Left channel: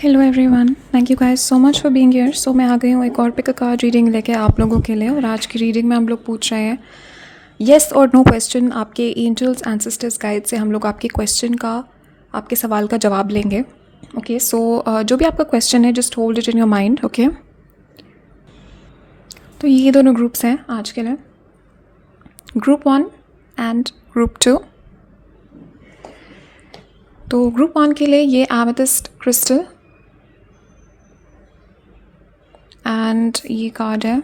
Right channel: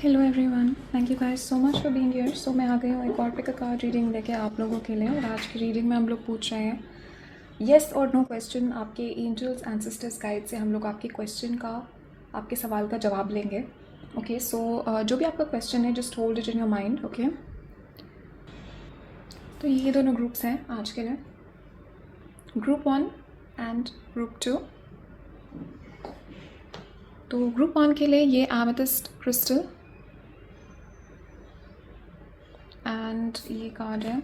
Hello everyone, thank you guys so much for being here. So मैं आ गई हूँ एक और पिक अ कार्ड रीडिंग लेके आप लोगों के लिए। और आज की रीडिंग में हम लोग पूछ रहे हैं येस और नो क्वेश्चन। आपके एंजल्स एंसेस्टर्स गाइड से हम लोग आपके क्वेश्चन का, आपके सवाल का जवाब लेंगे। ओके, सो जो भी आपका क्वेश्चन है just hold it in your mind. Okay, तो ये दोनों ग्रुप्स हैं आज के लिए, ग्रुप 1 एंड ग्रुप 2। तो ग्रुप 1 के लिए ये एमेथिस्ट क्रिस्टल एंड ये कार्ड है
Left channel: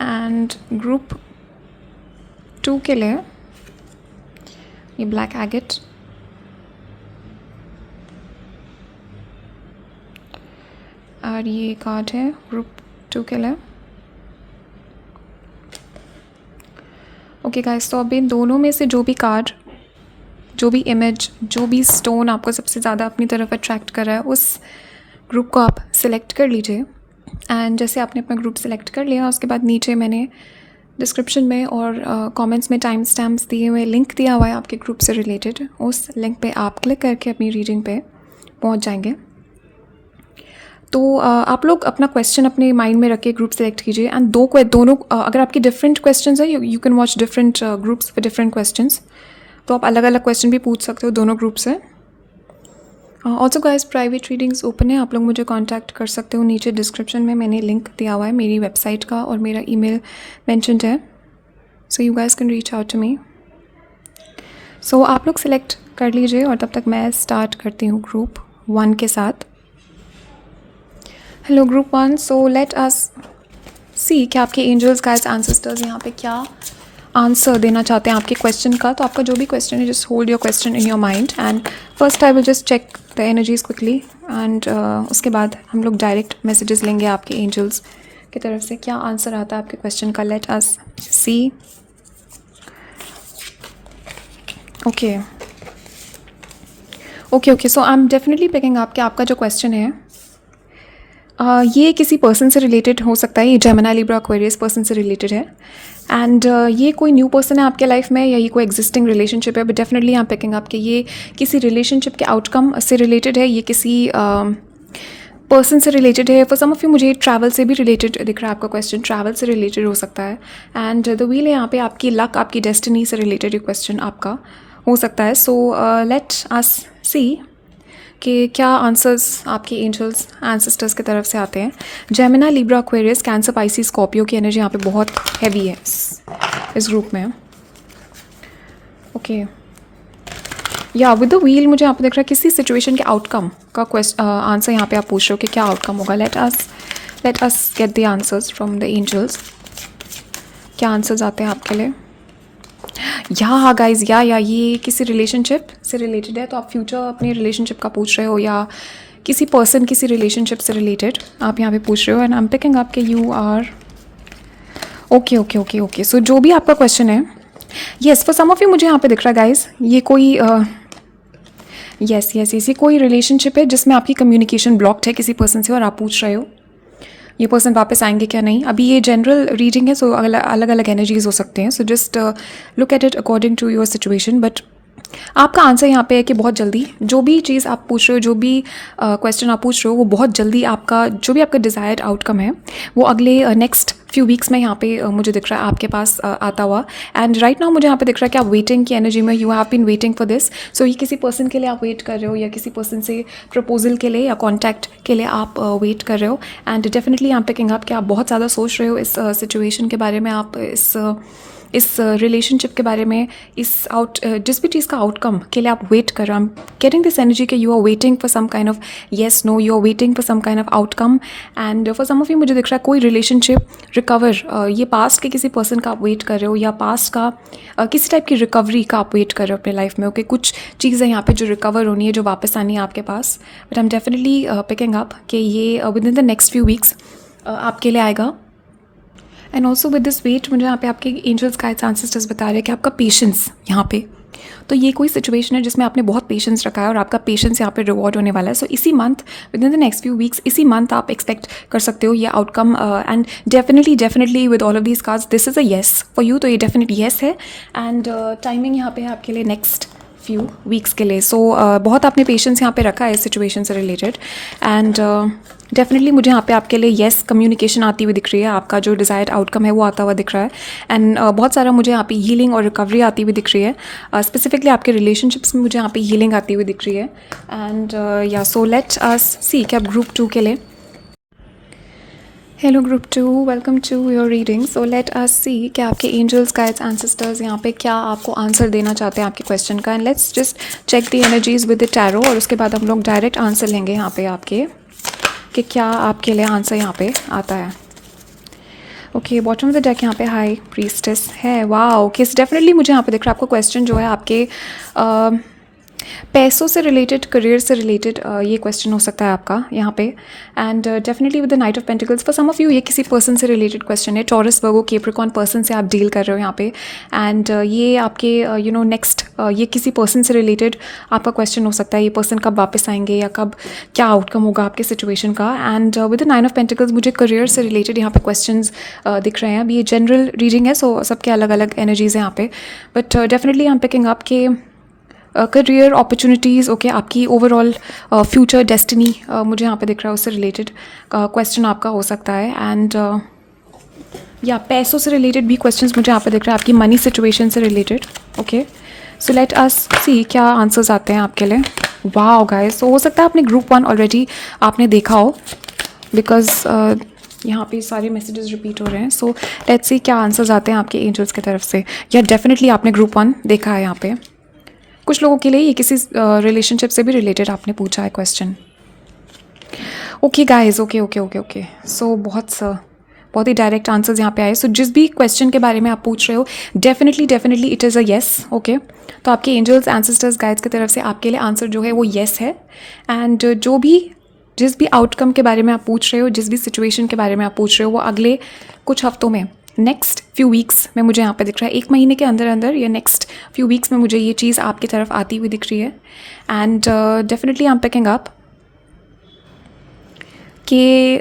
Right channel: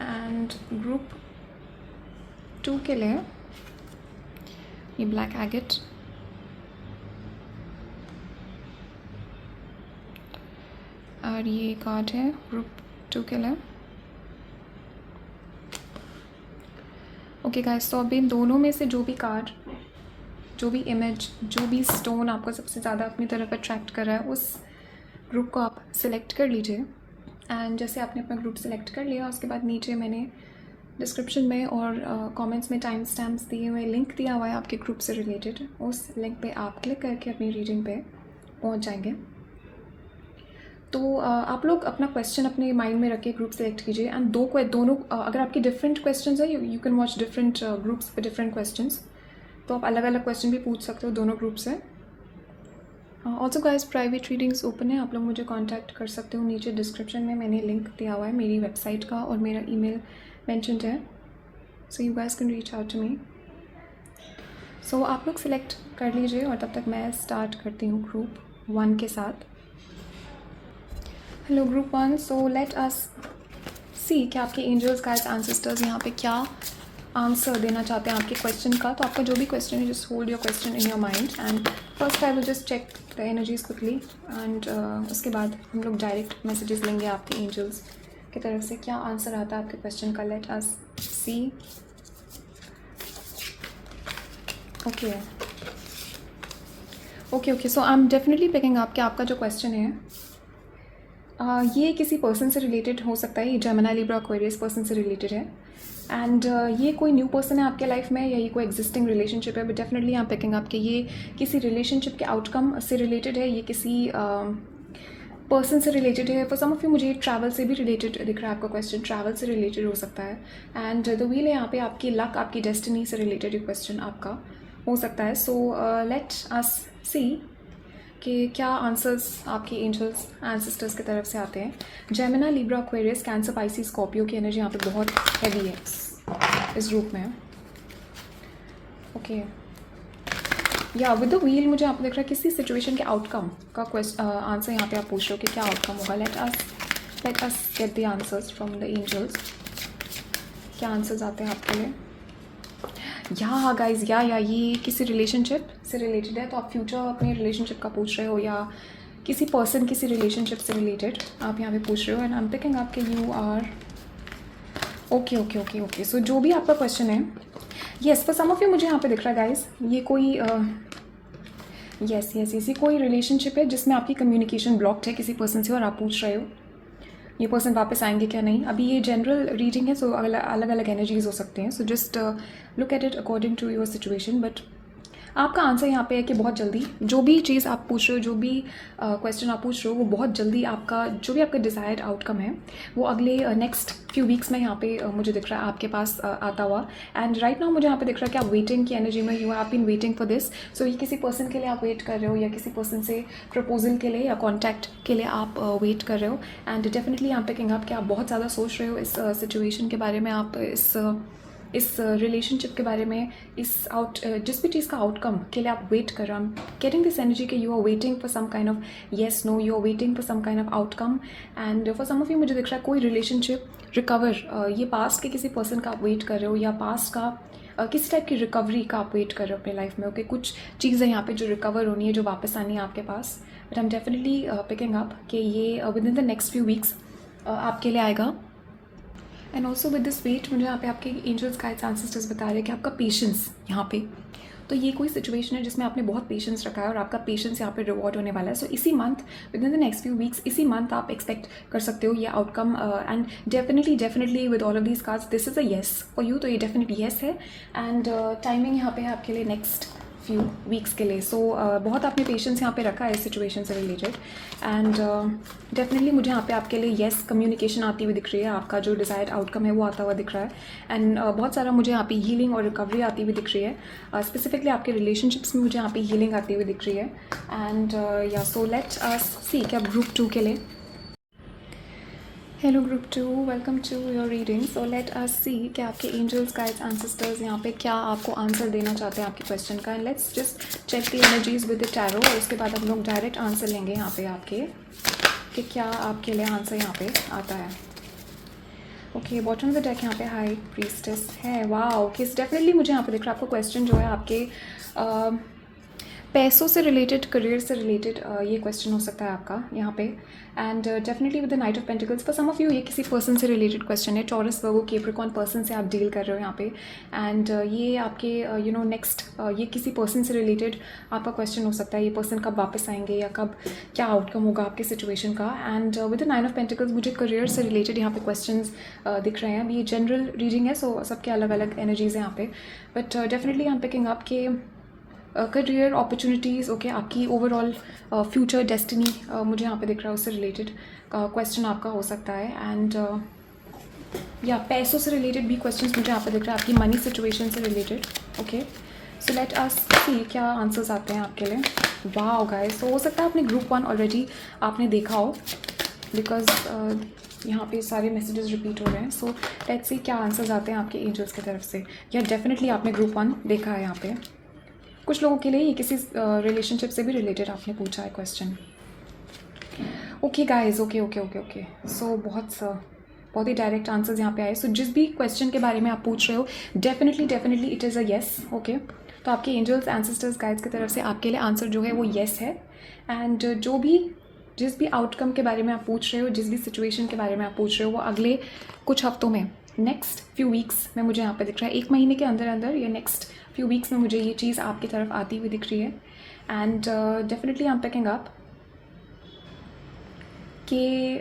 एंड ग्रुप 2 के लिए ये ब्लैक एगेट और ये कार्ड है ग्रुप 2 के लिए। ओके गाइस, तो अब इन दोनों में से जो भी कार्ड, जो भी इमेज, जो भी स्टोन आपको सबसे ज़्यादा अपनी तरफ अट्रैक्ट कर रहा है उस ग्रुप को आप सिलेक्ट कर लीजिए। एंड जैसे आपने अपना ग्रुप सिलेक्ट कर लिया, उसके बाद नीचे मैंने डिस्क्रिप्शन में और कमेंट्स में टाइम स्टैम्प्स दिए हुए लिंक दिया हुआ है आपके ग्रुप से रिलेटेड। उस लिंक पे आप क्लिक करके अपनी रीडिंग पे पहुंच जाएंगे। तो आप लोग अपना क्वेश्चन अपने माइंड में रख के ग्रुप सेलेक्ट कीजिए। एंड दोनों अगर आपके डिफरेंट क्वेश्चंस है, you can watch different groups with different questions. तो आप अलग अलग क्वेश्चन भी पूछ सकते हो दोनों ग्रुप से। Also guys, private readings open है, आप लोग मुझे कांटेक्ट कर सकते हो। नीचे डिस्क्रिप्शन में मैंने लिंक दिया हुआ है मेरी वेबसाइट का और मेरा ईमेल मेंशन्ड है, so you guys can reach out to me. So आप लोग सिलेक्ट कर लीजिए और तब तक मैं स्टार्ट करती हूँ ग्रुप 1 के साथ। Hello group 1, so let us see कि आपके एंजल्स गाइड्स एंसेस्टर्स यहाँ पे क्या आंसर देना चाहते हैं आपके क्वेश्चन का। तो आपका जो भी क्वेश्चन है just hold your question in your mind and first I will just check the energies quickly and उसके बाद हम लोग डायरेक्ट मैसेजेस लेंगे आपके एंजल्स की तरफ से क्या आंसर आता है आपके क्वेश्चन का। Let us see. Okay okay okay, so I am definitely picking up कि आपका जो क्वेश्चन है ये किसी पर्सन से रिलेटेड हो सकता है। ये जेमिनी लिब्रा एक्वेरियस पर्सन से रिलेटेड है एंड ये कोई न्यू पर्सन है आपके लाइफ में या ये कोई एग्जिस्टिंग रिलेशनशिप है। But definitely I am picking up कि ये किसी रिलेशनशिप के आउटकम से रिलेटेड है, ये किसी पर्सन से रिलेटेड है। फॉर सम ऑफ यू मुझे ट्रैवल से भी रिलेटेड दिख रहा है आपका क्वेश्चन, ट्रैवल से रिलेटेड हो सकता है। एंड द व्हील है यहाँ पे आपकी लक, आपकी डेस्टिनी से रिलेटेड ये क्वेश्चन आपका हो सकता है। सो लेट अस सी कि क्या आंसर्स आपकी एंजल्स एंसेस्टर्स की तरफ से आते हैं। Gemini Libra Aquarius cancer Pisces Scorpio की एनर्जी यहाँ पे बहुत हैवी है इस ग्रुप में। ओके, या विद द व्हील मुझे यहाँ पे दिख रहा है किसी सिचुएशन के आउटकम का आंसर यहाँ पे आप पूछ रहे हो कि क्या आउटकम होगा। Let us get the answers from the angels. क्या आंसर्स आते हैं आपके लिए। हाँ गाइज, या ये किसी रिलेशनशिप से रिलेटेड है। तो आप फ्यूचर अपनी रिलेशनशिप का पूछ रहे हो या किसी पर्सन किसी रिलेशनशिप से रिलेटेड आप यहाँ पे पूछ रहे हो। And I am picking up कि you are okay okay okay okay. So जो भी आपका क्वेश्चन है, yes for some of you मुझे यहाँ पे दिख रहा है गाइज ये कोई यस ये कोई रिलेशनशिप है जिसमें आपकी कम्युनिकेशन ब्लॉक्ड है किसी पर्सन से और आप पूछ रहे हो ये पर्सन वापस आएंगे क्या नहीं। अभी ये जनरल रीडिंग है, सो अलग अलग एनर्जीज हो सकते हैं। So just look at it according to your situation. But आपका आंसर यहाँ पे है कि बहुत जल्दी जो भी चीज़ आप पूछ रहे हो, जो भी क्वेश्चन आप पूछ रहे हो, वो बहुत जल्दी आपका जो भी आपका डिज़ायर्ड आउटकम है वो अगले नेक्स्ट फ्यू वीक्स में यहाँ पे मुझे दिख रहा है आपके पास आता हुआ। एंड राइट नाउ मुझे यहाँ पे दिख रहा है कि आप वेटिंग की एनर्जी में, you have been waiting for this. So ये किसी पर्सन के लिए आप वेट कर रहे हो या किसी पर्सन से प्रपोजल के लिए या कॉन्टैक्ट के लिए आप वेट कर रहे हो। And definitely I am picking up कि आप बहुत ज़्यादा सोच रहे हो इस सिचुएशन के बारे में, आप इस रिलेशनशिप के बारे में, जिस भी चीज़ का आउटकम के लिए आप वेट कर रहे हो। I am getting this energy कि you are waiting for some kind of yes no, you are waiting for some kind of outcome. And for some of you मुझे दिख रहा है कोई रिलेशनशिप रिकवर, ये पास्ट के किसी पर्सन का आप वेट कर रहे हो या पास्ट का किसी टाइप की रिकवरी का आप वेट कर रहे हो अपने लाइफ में। ओके, कुछ चीज़ें यहाँ पे जो रिकवर होनी है, जो वापस आनी है आपके पास। But I am definitely picking up कि ये within the next few weeks आपके लिए आएगा। And also with this wait मुझे यहाँ पे आपके एंजल्स गाइड्स एंसेस्टर्स बता रहे हैं कि आपका पेशेंस यहाँ पे तो ये कोई सिचुएशन है जिसमें आपने बहुत पेशेंस रखा है और आपका पेशेंस यहाँ पे रिवॉर्ड होने वाला है. सो इसी month, with in the next few weeks, इसी मंथ आप एक्सपेक्ट कर सकते हो ये outcome. And definitely with all of these cards this is a yes for you. तो ये डेफिनेट येस है. एंड टाइमिंग यहाँ पे है आपके लिए नेक्स्ट फ्यू वीक्स के लिए. सो बहुत आपने पेशेंस यहाँ पे रखा है इस सिचुएशन से रिलेटेड. एंड डेफिनेटली मुझे यहाँ पे आपके लिए येस कम्युनिकेशन आती हुई दिख रही है. आपका जो डिज़ायर्ड आउटकम है वो आता हुआ दिख रहा है. एंड बहुत सारा मुझे यहाँ पे हीलिंग और रिकवरी आती हुई दिख रही है. स्पेसिफिकली आपके रिलेशनशिप्स में मुझे यहाँ पे हीलिंग आती हुई दिख रही है. एंड या सो लेट अस सी कि आप ग्रुप 2 के लिए. Hello group 2, welcome to your reading. So let us see कि आपके एंजल्स, गाइड्स, एंसेस्टर्स यहाँ पे क्या आपको आंसर देना चाहते हैं आपके क्वेश्चन का. And let's just check the energies with the tarot और उसके बाद हम लोग डायरेक्ट आंसर लेंगे यहाँ पे आपके कि क्या आपके लिए आंसर यहाँ पे आता है. Okay, bottom of the deck यहाँ पे हाई प्रीस्टेस है. वाओ, ओके, डेफिनेटली मुझे यहाँ पे दिख रहा है आपको क्वेश्चन जो है आपके पैसों से रिलेटेड, करियर से रिलेटेड ये क्वेश्चन हो सकता है आपका यहाँ पे. And definitely with the knight of pentacles for some of you ये किसी पर्सन से रिलेटेड क्वेश्चन है. टॉरस, वर्गो, कैप्रिकॉर्न पर्सन से आप डील कर रहे हो यहाँ पे. एंड ये आपके नेक्स्ट ये किसी पर्सन से रिलेटेड आपका क्वेश्चन हो सकता है. ये पर्सन कब वापस आएंगे या कब क्या आउटकम होगा आपके सिचुएशन का. And with the 9 of pentacles मुझे करियर से रिलेटेड यहाँ पे क्वेश्चंस दिख रहे हैं. अभी ये जनरल रीडिंग है, सो सबके अलग अलग एनर्जीज हैं यहाँ पे. But definitely I am picking up के करियर अपॉर्चुनिटीज़, ओके, आपकी ओवरऑल फ्यूचर डेस्टिनी मुझे यहाँ पे दिख रहा है, उससे रिलेटेड क्वेश्चन आपका हो सकता है. एंड या पैसों से रिलेटेड भी क्वेश्चंस मुझे यहाँ पे दिख रहा है, आपकी मनी सिचुएशन से related. Okay, so let us see क्या आंसर्स आते हैं आपके लिए. वाओ गाइस, सो हो सकता है आपने ग्रुप 1 ऑलरेडी आपने देखा हो, बिकॉज यहाँ पे सारे मैसेजेस रिपीट हो रहे हैं. सो लेट्स सी क्या आंसर्स आते हैं आपके एंजल्स की तरफ से. या डेफिनेटली आपने ग्रुप 1 देखा है यहाँ पे. कुछ लोगों के लिए ये किसी रिलेशनशिप से भी रिलेटेड आपने पूछा है question. Okay guys, okay. So बहुत ही डायरेक्ट आंसर्स यहाँ पे आए. सो जिस भी क्वेश्चन के बारे में आप पूछ रहे हो definitely it is a yes. Okay, तो आपके एंजल्स, एंसेस्टर्स, गाइड्स की तरफ से आपके लिए आंसर जो है वो येस है. एंड जिस भी आउटकम के बारे में आप पूछ रहे हो, जिस भी सिचुएशन के बारे में आप पूछ रहे हो, वो अगले कुछ हफ्तों में, नेक्स्ट फ्यू वीक्स में मुझे यहाँ पे दिख रहा है. 1 महीने के अंदर अंदर या नेक्स्ट फ्यू वीक्स में मुझे ये चीज़ आपकी तरफ आती हुई दिख रही है. And definitely I am picking up कि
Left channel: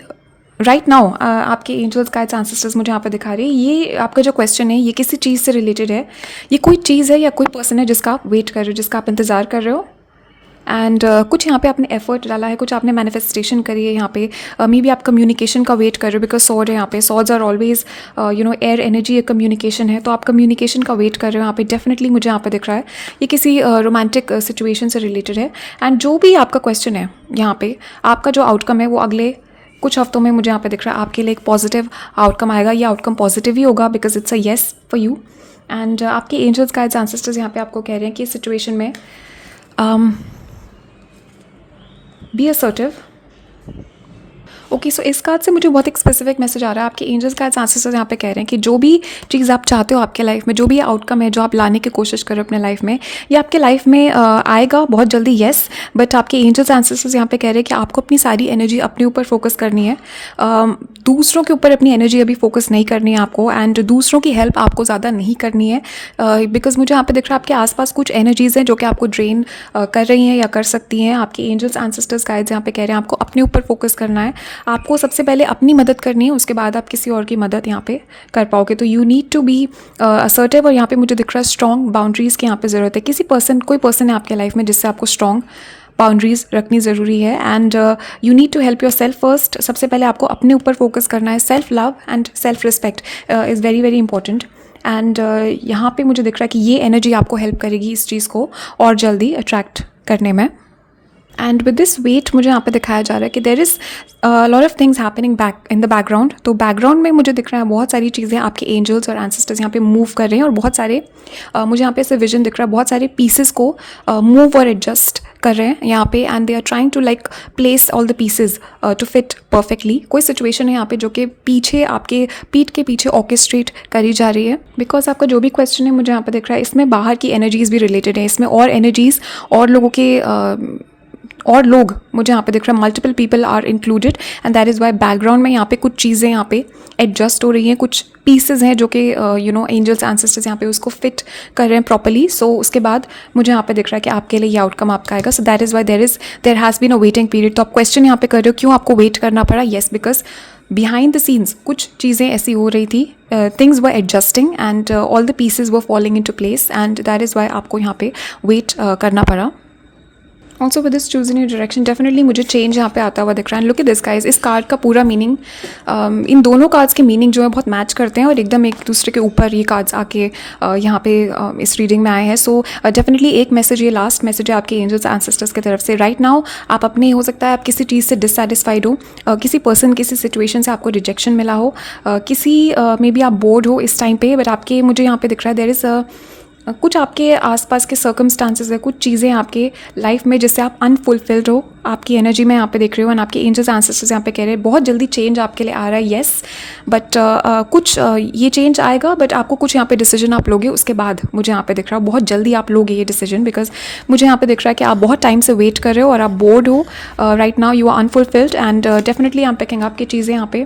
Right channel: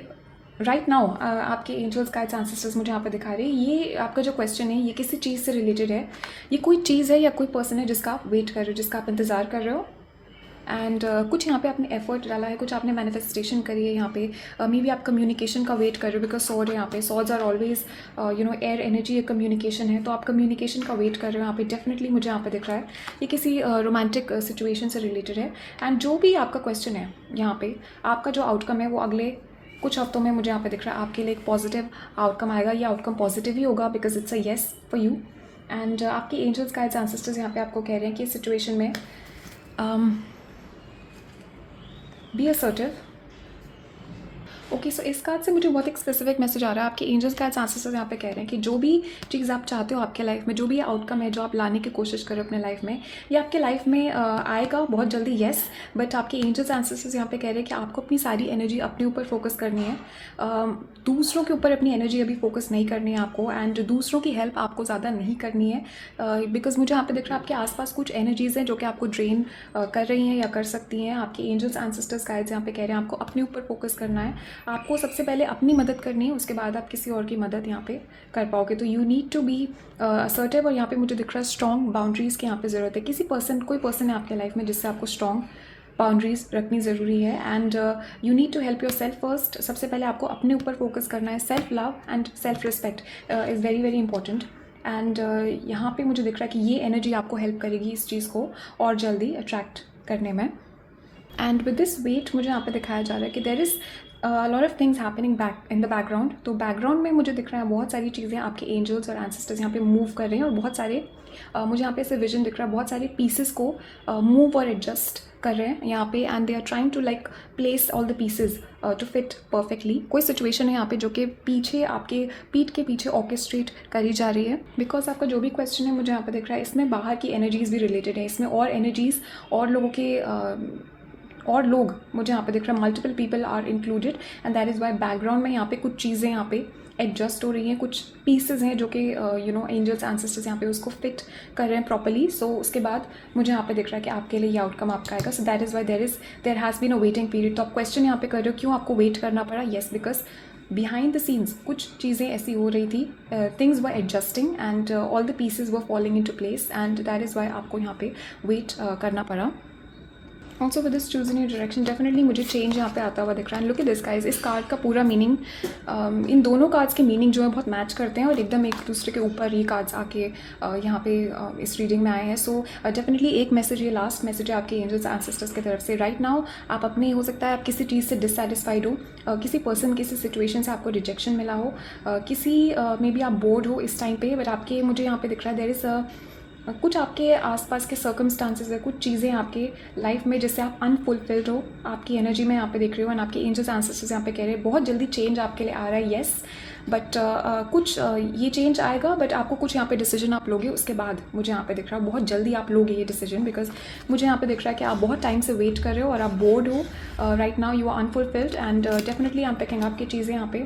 राइट नाउ आपके एंजल्स, गाइड्स, एंसेस्टर्स मुझे यहाँ पे दिखा रहे हैं ये आपका जो क्वेश्चन है ये किसी चीज़ से रिलेटेड है. ये कोई चीज़ है या कोई पर्सन है जिसका आप वेट कर रहे हो, जिसका आप इंतज़ार कर रहे हो. एंड कुछ यहाँ पे आपने एफर्ट डाला है, कुछ आपने मैनिफेस्टेशन करी है यहाँ पे. मे बी आप कम्युनिकेशन का वेट कर रहे हो, बिकॉज सॉर्ड है यहाँ पे. Swords are always air energy, communication है, तो आप कम्युनिकेशन का वेट कर रहे हो यहाँ पे. डेफिनेटली मुझे यहाँ पे दिख रहा है ये किसी रोमांटिक सिचुएशन से रिलेटेड है. एंड जो भी आपका क्वेश्चन है यहाँ पे, आपका जो आउटकम है वो अगले कुछ हफ्तों में मुझे यहाँ पे दिख रहा है आपके लिए एक पॉजिटिव आउटकम आएगा. ये आउटकम पॉजिटिव ही होगा because it's a yes for you. And आपके एंजल्स, गाइड्स, एंसेस्टर्स यहाँ पे आपको कह रहे हैं कि इस सिचुएशन में बी असर्टिव. ओके, सो इस कार्ड से मुझे बहुत एक स्पेसिफिक मैसेज आ रहा है. आपके एंजल्स, गाइड्स, एंसेस्टर्स यहाँ पे कह रहे हैं कि जो भी चीज़ आप चाहते हो आपके लाइफ में, जो भी आउटकम है जो आप लाने की कोशिश करो अपने लाइफ में, ये आपके लाइफ में आएगा बहुत जल्दी, येस. बट आपके एंजल्स, एंसेस्टर्स यहाँ पे कह रहे हैं कि आपको अपनी सारी एनर्जी अपने ऊपर फोकस करनी है. दूसरों के ऊपर अपनी एनर्जी अभी फोकस नहीं करनी है आपको. एंड दूसरों की हेल्प आपको ज़्यादा नहीं करनी है, बिकॉज मुझे यहाँ पे दिख रहा है आपके आसपास कुछ एनर्जीज़ हैं जो कि आपको ड्रेन कर रही हैं या कर सकती हैं. आपके एंजल्स, एंसेस्टर्स, गाइड्स यहाँ पे कह रहे हैं आपको अपने ऊपर फोकस करना है. आपको सबसे पहले अपनी मदद करनी है, उसके बाद आप किसी और की मदद यहाँ पे कर पाओगे. तो you need to be assertive. और यहाँ पे मुझे दिख रहा है स्ट्रॉन्ग बाउंड्रीज़ की यहाँ पे ज़रूरत है. कोई पर्सन है आपके लाइफ में जिससे आपको स्ट्रॉन्ग बाउंड्रीज़ रखनी ज़रूरी है. And you need to help yourself first. सबसे पहले आपको अपने ऊपर फोकस करना है. Self love and self respect is very very important. And यहाँ पे मुझे दिख रहा है कि ये एनर्जी आपको हेल्प करेगी इस चीज़ को और जल्दी अट्रैक्ट करने में. एंड विद दिस वेट मुझे यहाँ पे दिखाया जा रहा है कि there is lot of things happening back in the background. तो बैकग्राउंड में मुझे दिख रहा है बहुत सारी चीज़ें आपके एंजल्स और एंसेस्टर्स यहाँ पे मूव कर रहे हैं. और बहुत सारे मुझे यहाँ पे ऐसे विजन दिख रहा है, बहुत सारे पीसेस को मूव और एडजस्ट कर रहे हैं यहाँ पे. And they are trying to like place all the pieces to fit perfectly. कोई सिचुएशन है यहाँ पे जो कि पीछे आपके पीठ के पीछे ऑर्केस्ट्रेट करी जा रही है. बिकॉज आपका जो भी क्वेश्चन है मुझे यहाँ पे दिख रहा है इसमें बाहर की एनर्जीज़ भी रिलेटेड है. इसमें और एनर्जीज़ और लोगों के और लोग मुझे यहाँ पे दिख रहा है, multiple people are included and that is why background में यहाँ पे कुछ चीज़ें यहाँ पे एडजस्ट हो रही हैं, कुछ पीसेज हैं जो कि एंजल्स एंसेस्टर्स यहाँ पे उसको फिट कर रहे हैं प्रॉपरली. सो उसके बाद मुझे यहाँ पे दिख रहा है कि आपके लिए ये आउटकम आपका आएगा. So that is why there has been a waiting period. तो आप क्वेश्चन यहाँ पे कर रहे हो क्यों आपको वेट करना पड़ा. Yes, because behind the scenes कुछ चीज़ें ऐसी हो रही थी, things were adjusting and all the pieces were falling into place and that is why आपको यहाँ पे वेट करना पड़ा. Also with this choose in your direction definitely मुझे चेंज यहाँ पे आता हुआ दिख रहा है. लुक एट दिस गाइस, इस कार्ड का पूरा मीनिंग, इन दोनों कार्ड्स के मीनिंग जो है बहुत मैच करते हैं और एकदम एक दूसरे के ऊपर ये कार्ड्स आके यहाँ पे इस रीडिंग में आए हैं. सो डेफिनेटली एक मैसेज, ये लास्ट मैसेज है आपके एंजल्स एंसेस्टर्स की तरफ से. राइट नाउ आप अपने, हो सकता है आप किसी चीज़ से डिससेटिस्फाइड हो, किसी पर्सन, किसी सिचुएशन से आपको रिजेक्शन मिला हो, किसी मे बी आप बोर्ड हो इस टाइम पे, बट आपके, मुझे यहाँ पे दिख रहा है देयर इज़ कुछ आपके आसपास के सर्कमस्टांसेस है, कुछ चीज़ें आपके लाइफ में जिससे आप अनफुलफिल्ड हो. आपकी एनर्जी में यहाँ पे देख रही हो एंड आपके एंजल्स एंसेस्टर्स यहाँ पे कह रहे हैं बहुत जल्दी चेंज आपके लिए आ रहा है. येस, बट कुछ ये चेंज आएगा, बट आपको कुछ यहाँ पे डिसीजन आप लोगे उसके बाद. मुझे यहाँ पे दिख रहा है बहुत जल्दी आप लोगे ये डिसीजन, बिकॉज मुझे यहाँ पे दिख रहा है कि आप बहुत टाइम से वेट कर रहे हो और आप बोर्ड हो. Right now you are unfulfilled and definitely I am picking आपकी चीज़ें यहाँ पे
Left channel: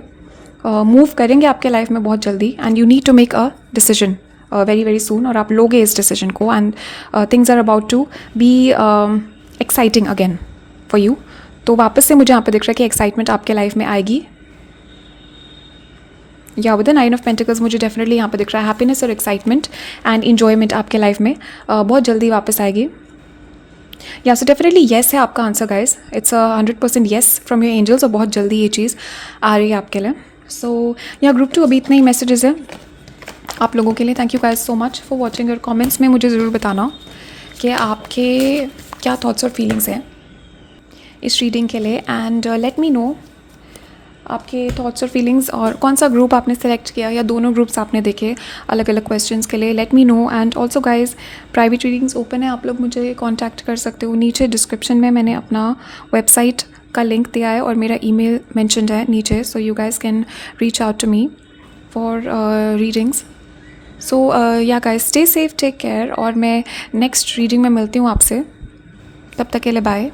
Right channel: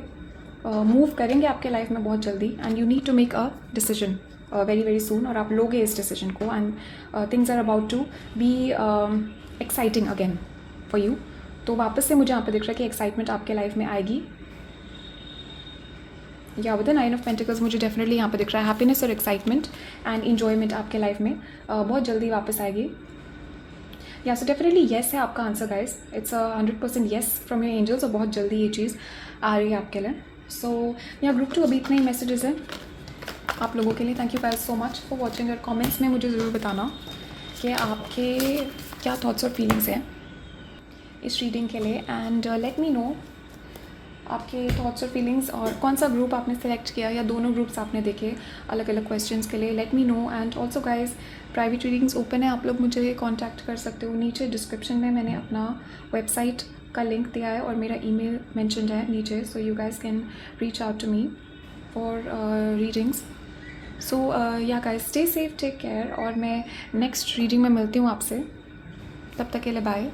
मूव करेंगे आपके लाइफ में बहुत जल्दी and you need to make a decision very very soon. और आप लोगे इस डिसीजन को and things are about to be exciting again for you. तो वापस से मुझे यहाँ पे दिख रहा है कि एक्साइटमेंट आपके लाइफ में आएगी. या विद द 9 ऑफ पेंटिकल्स मुझे डेफिनेटली यहाँ पे दिख रहा है हैप्पीनेस और एक्साइटमेंट एंड इन्जॉयमेंट आपके लाइफ में बहुत जल्दी वापस आएगी. या सो डेफिनेटली येस है आपका answer guys. It's 100% yes from your angels और बहुत जल्दी ये चीज़ आ रही है आपके लिए. सो यहाँ ग्रुप 2 अभी इतने ही मैसेजेस हैं आप लोगों के लिए. Thank you guys so much for watching. Your comments में मुझे ज़रूर बताना कि आपके क्या थॉट्स और फीलिंग्स हैं इस रीडिंग के लिए एंड लेट मी नो आपके थॉट्स और फीलिंग्स और कौन सा ग्रुप आपने सेलेक्ट किया या दोनों ग्रुप्स आपने देखे अलग अलग क्वेश्चंस के लिए. Let me know. And also guys private readings open है, आप लोग मुझे कॉन्टैक्ट कर सकते हो. नीचे डिस्क्रिप्शन में मैंने अपना वेबसाइट का लिंक दिया है और मेरा ईमेल मेंशन्ड है नीचे. So you guys can reach out to me for readings. So yeah guys stay safe, take care और मैं नेक्स्ट रीडिंग में मिलती हूँ आपसे. तब तक के लिए बाय.